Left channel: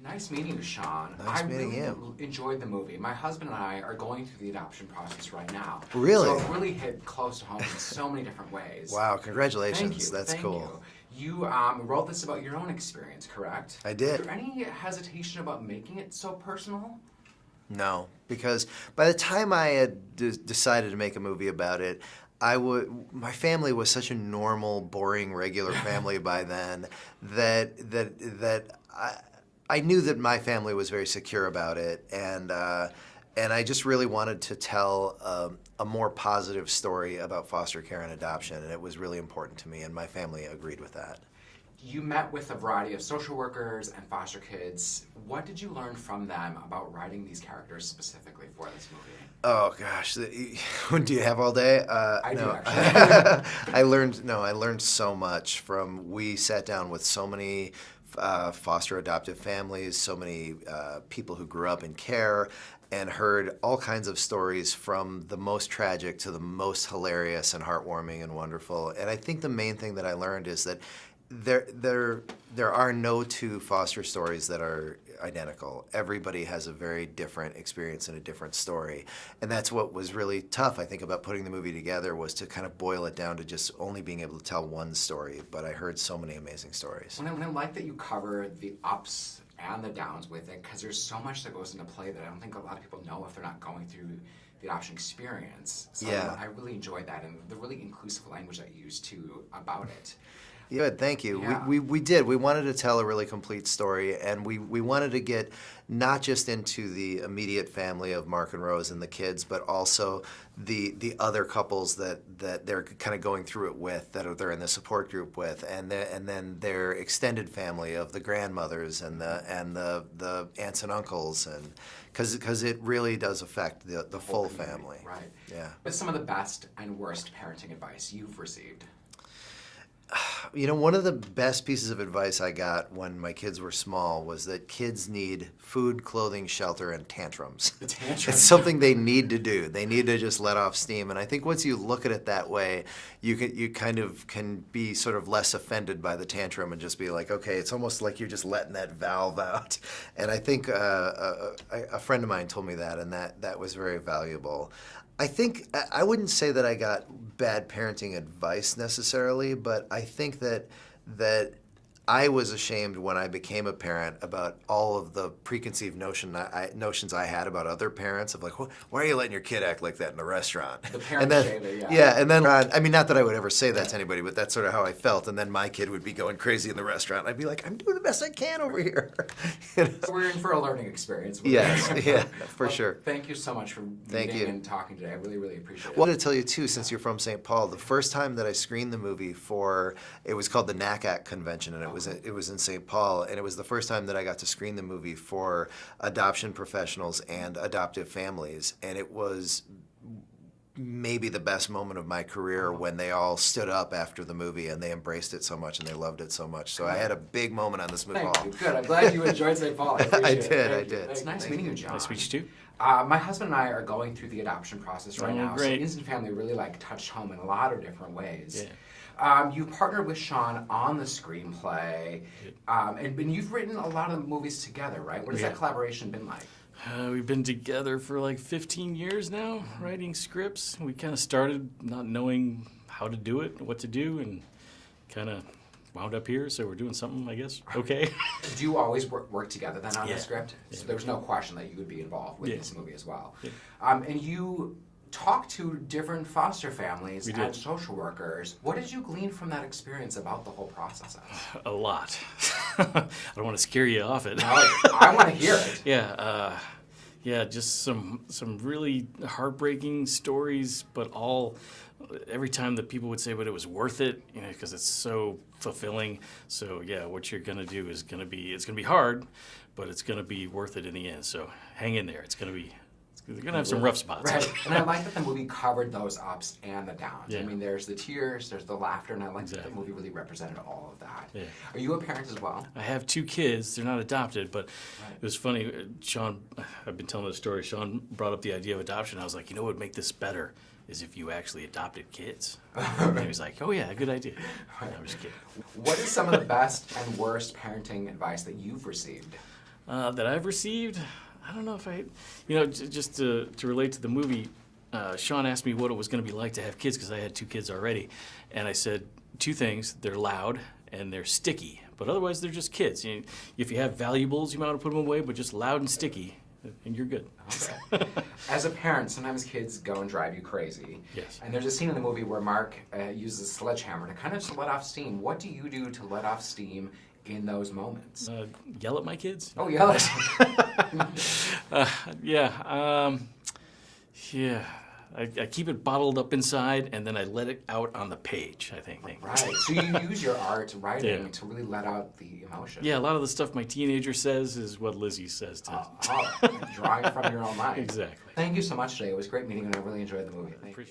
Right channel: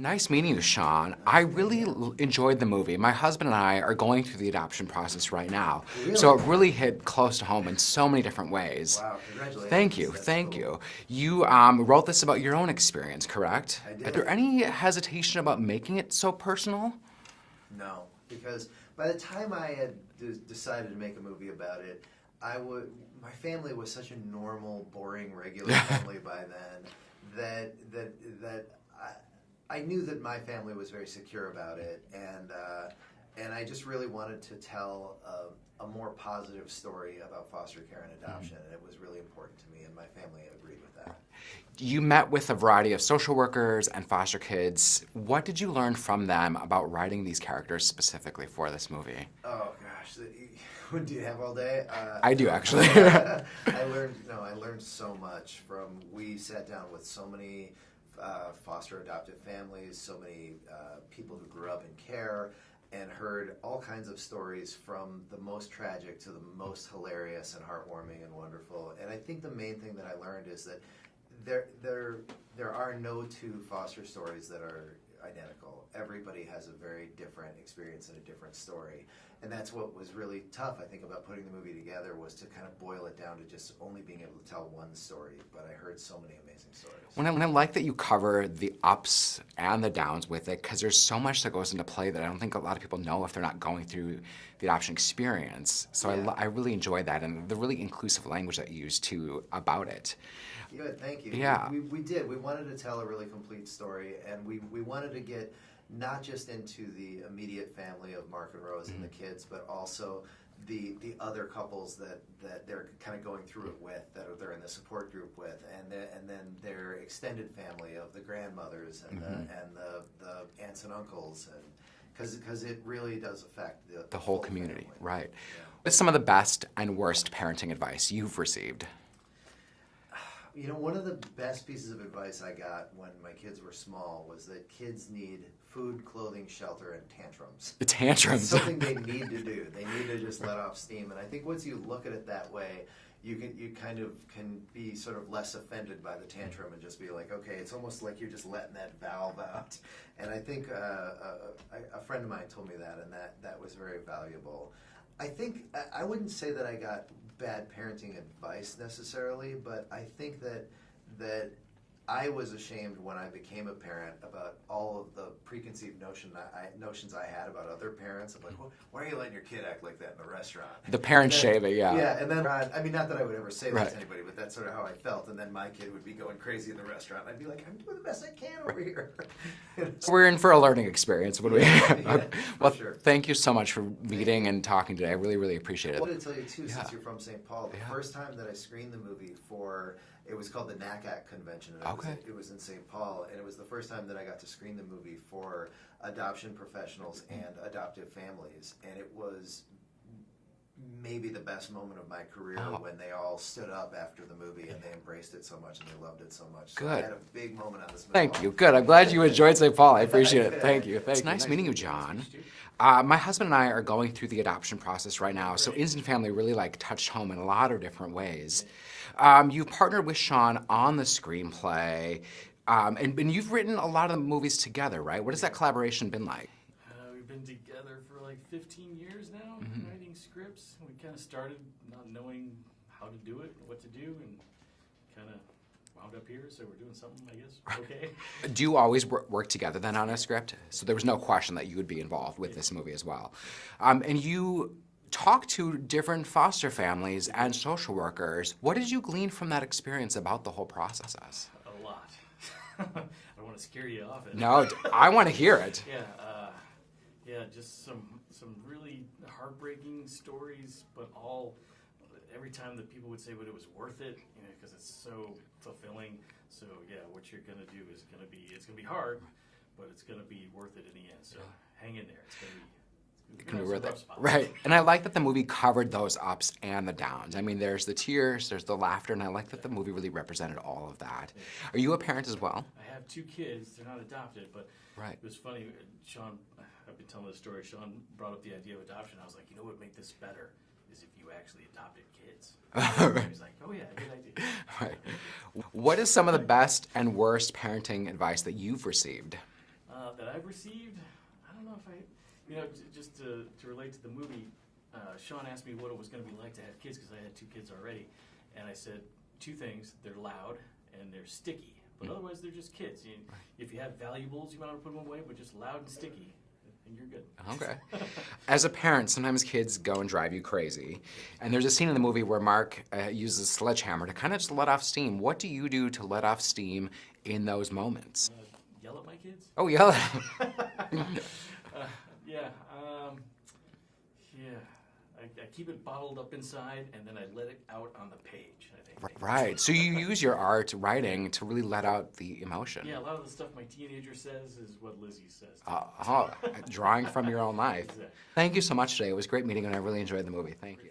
Nice meeting you, Sean. Nice I meeting really you. enjoyed the movie. My husband and I are going through the adoption process right now. Really? So it really hit close to home in so many different ways. Wow, congratulations. Thank you. That's Thank cool. you. You wrote this about your own experience, correct? I did. Is there any hesitation about making it so personal? No, because by the time I had decided to make a movie about it, my family was such a normal, boring, regular family by then that I knew that my family was very secure about it, and I just really wanted to tell a more positive story about foster care and adoption, and it was really important to me, and my family agreed with that. You met with a variety of social workers and foster kids. What did you learn from them about writing these characters specifically for this movie? Oh gosh, do you have all day? I do, no. actually. I learned so much from. We sat down with so many foster adoptive families, so many people who grew up in care, and heard all kinds of stories from the most tragic to the most hilarious and heartwarming and wonderful. And I think the main thing that I learned is that there are no two foster stories that are identical. Everybody has a very different experience and a different story. And that's what was really tough, I think, about putting the movie together, was to kind of boil it down to just only being able to tell one story. But I heard so many amazing stories. When I like that you cover the ups and the downs with it, because there's so much that goes into play that I don't think a lot of people know if they're not going through the adoption experience. So Yeah. I really enjoyed that, and the really inclusive language that you used too about it. Good, thank you. Yeah. We did. We wanted to tell a really complete story, and we wanted to get not just into the immediate family of Mark and Rose and the kids, but also the other couples that they're kind of going through it with, that they're in the support group with, and then their extended family of the grandmothers and the aunts and uncles, and because it really does affect the whole full community, family. right? Yeah. What's some of the best and worst parenting advice you've received? You know, one of the best pieces of advice I got when my kids were small was that kids need food, clothing, shelter, and tantrums. The tantrums. It's something they need to do. They need to just let off steam. And I think once you look at it that way, you kind of can be sort of less offended by the tantrum and just be like, okay, it's almost like you're just letting that valve out. And I think a friend of mine told me that, and that was very valuable. I think, I wouldn't say that I got bad parenting advice necessarily, but I think that I was ashamed when I became a parent about all of the preconceived notions I had about other parents, of like, why are you letting your kid act like that in a restaurant? The parent shaming, yeah. Yeah, and then, I mean, not that I would ever say that to anybody, but that's sort of how I felt. And then my kid would be going crazy in the restaurant. I'd be like, I'm doing the best I can over here. You know? We're in for a learning experience. Yeah, for sure. Thank you so much for meeting you. and talking today. I really, really appreciate it. I wanted to tell you too, since you're from St. Paul, the first time that I screened the movie it was called the NACAC convention, and it was in St. Paul, and it was the first time that I got to screen the movie for adoption professionals and adoptive families, and it was maybe the best moment of my career when they all stood up after the movie and they embraced it so much and they loved it so much. So I had a big moment on this movie. Thank you. Good. I'm glad you enjoyed St. Paul. I appreciate it. did, Thank I you. did. It's nice meeting you, John. Nice to meet you too. My husband and I are going through the adoption process right now. So great. Instant Family really touched home in a lot of different ways. Yeah. You partnered with Sean on the screenplay, and you've written a lot of the movies together, right? What has that collaboration been like? We've been together for like 15 years now, writing scripts. We kind of started not knowing how to do it, what to do, and kind of wound up here, so we're doing something, I guess, okay. Do you always work together then on Yeah. a script? So there was no question that you would be involved with Yeah. this movie as well. Yeah. And you talked to different foster families We and did. social workers. What did you glean from that experience about the whole process? A lot. I don't want to scare you off it. No, I want to hear it. Yeah, just some really heartbreaking stories, but every time that people would say, but it was worth it, because it's so fulfilling. So yeah, what you're gonna do is it's gonna be hard, but it's gonna be worth it in the end. So hang in there. They're gonna have some rough spots. Right, and I like that the movie covered those ups and the downs. Yeah. I mean, there's the tears, there's the laughter, and I like that the movie really represented all of that. Yeah. Are you a parent as well? I have 2 kids. They're not adopted, but Right. it was funny. Sean, I've been telling the story. Sean brought up the idea of adoption. I was like, what would make this better is if you actually adopted kids. And he was like, oh yeah, good idea. Right. I'm just kidding. What is some of the best and worst parenting advice that you've received? That I've received, I don't know if just to relate to the movie, Sean asked me what it was going to be like to have kids because I had 2 kids already. And I said 2 things: they're loud and they're sticky. But otherwise, they're just kids. If you have valuables, you might want to put them away, but just loud and sticky, and you're good. Okay. As a parent, sometimes kids go and drive you crazy. Yes. And there's a scene in the movie where Mark uses a sledgehammer to kind of just let off steam. What do you do to let off steam in those moments? Yell at my kids? Oh, yell at Yeah. I keep it bottled up inside, and then I let it out on the page, I think. Right. So you use your art writing to really let out the emotion. Yeah, a lot of the stuff my teenager says is what Lizzie says to Drawing from your own life. Exactly. Thank you so much today. It was great meeting you, and I really enjoyed the movie. Thank you.